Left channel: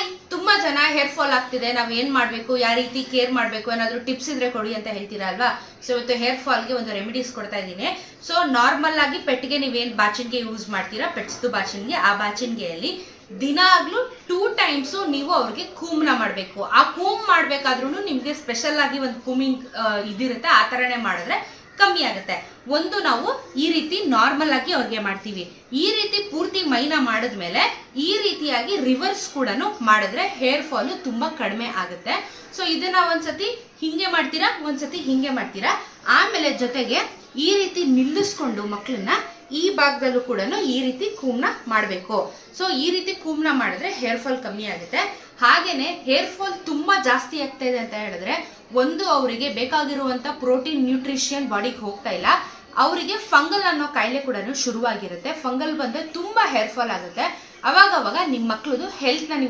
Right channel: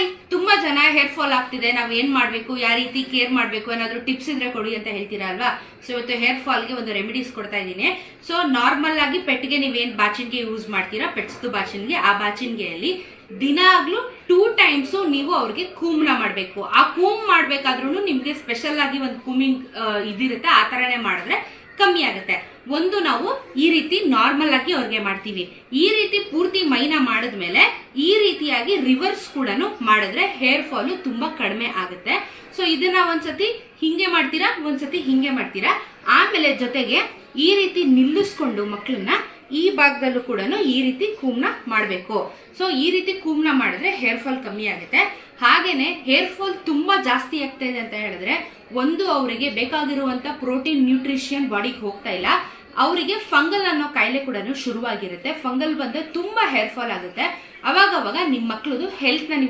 Hi, ತುಂಬಾ ಜನ hair fall ಆಗ್ತಿದೆ, ನಾವ್ ಏನ್ ಮಾಡ್ಬೇಕು, ಯಾವ ರೀತಿ ಕೇರ್ ಮಾಡ್ಬೇಕು, ಏನಾದ್ರು ಟಿಪ್ಸ್ ಇದ್ರೆ ಕೊಡಿ ಅಂತ ಹೇಳ್ತೀರಾ ಅಲ್ವಾ. ಸೊ ಇವತ್ತು ಹೇರ್ ಫಾಲ್ಗೆ ಒಂದು ರೆಮಿಡೀಸ್ ಕೊಡ್ತಾ ಇದ್ದೀನಿ. ಸೊ ನಾರ್ಮಲ್ ಆಗಿ ಪೆಟ್ಗೆ ನೀವೇನ್ ಬಾಚಿನ್ಗೆ ಯೂಸ್ ಮಾಡ್ತೀರಾ, ಪೆಟ್ಸ್ದು ಬಾಚಿನ್ಗೆ, ಆ ಬಾಚಿನ್ಗೆಯಲ್ಲಿ ದಿನಾಗ್ಲೂ 2 ಟೈಮ್ಸ್ ನೀವು ಅವ್ರಿಗೆ ಕೂಮ್ನ ಮಾಡಬೇಕು. ಆ ಕೂಮ್ ಮಾಡ್ಬೇಕಾದ್ರೂ ನಿಮ್ಗೆ ಸ್ಪೆಷಲ್ ಆಗಿ ಒಂದು ಕೂಮಿಂಗ್ ಇದಿರುತ್ತೆ, ಆ ತರನೇ ಮಾಡಿದ್ರೆ ಕಮ್ಮಿ ಆಗುತ್ತೆ. ಒಂದು ನಾವು ಈ ರೀತಿ ನಾರ್ಮಲ್ ಆಗಿ ಅವ್ರಿಗೆ ಮಾಡ್ತೀವಿ. ಈ ರೀತಿ ಪೂರ್ತಿ ಮೈನ ಮಾಡಿದ್ಮೇಲೆ ಈ ರೀತಿಯಾಗಿ ರಿವರ್ಸ್ ಕೂಡ ಮಾಡಿದ್ರೆ ಹೇರ್ ಫಾಲ್ ತುಂಬಾ ಕಡಿಮೆ ಆಗುತ್ತೆ. ಸೊ ಇದನ್ನ ಒಂದ್ಸತಿ ಹಿಂಗೆ ಮಾಡ್ತೀರಾ, ಒಂದ್ಸತಿ ಹಿಂಗೆ ಮಾಡ್ತೀರಾ, ಆಮೇಲೆ ಜೊತೆಗೆ ಈ ರೀತಿ ನಿಲ್ಲಿಸ್ಕೊಂಡು ಮಕ್ಕಳನ್ನ ಈ ಭಾಗದಲ್ಲೂ ಕೂಡ ಈ ರೀತಿ ಕೂಮ್ನ ಮಾಡಬೇಕು. ಸೊ ಈ ರೀತಿ ಕೂಮ್ನ ಮಾಡಿದ್ರೆ ಹೇರ್ ಫಾಲ್ ಕಮ್ಮಿ ಆಗುತ್ತೆ. ಹಾಗೇನೆ ಹೇರ್ ಫಾಲ್ ತುಂಬಾ ಜಾಸ್ತಿ ಆಗ್ತಾ ಇದೆ ಅಂತ ಹೇಳಿದ್ರೆ, ಒಂದು ಅವರಿಗೆ ಬೇಕಾಗಿರುವಂತ ಪ್ರೋಟೀನ್ ನ್ಯೂಟ್ರಿಷನ್ ಬಾಡಿಗೆ ಹೋಗ್ತಾ ಇಲ್ಲ, ಅವರಿಗೆ ಫಂಗಲ್ ಅನ್ನೋ ಕಾಯಿಲೆ ಕೂಡ ಶುರುವಾಗಿರುತ್ತೆ. ಫಂಗಲ್ ಬಂದ್ರೆ ತುಂಬಾ ಹೇರ್ ಫಾಲ್ ಆಗುತ್ತೆ. ಅವಾಗ ನಿಮ್ಮ ಮಕ್ಕಳದು ಹೆಲ್ತ್ ನ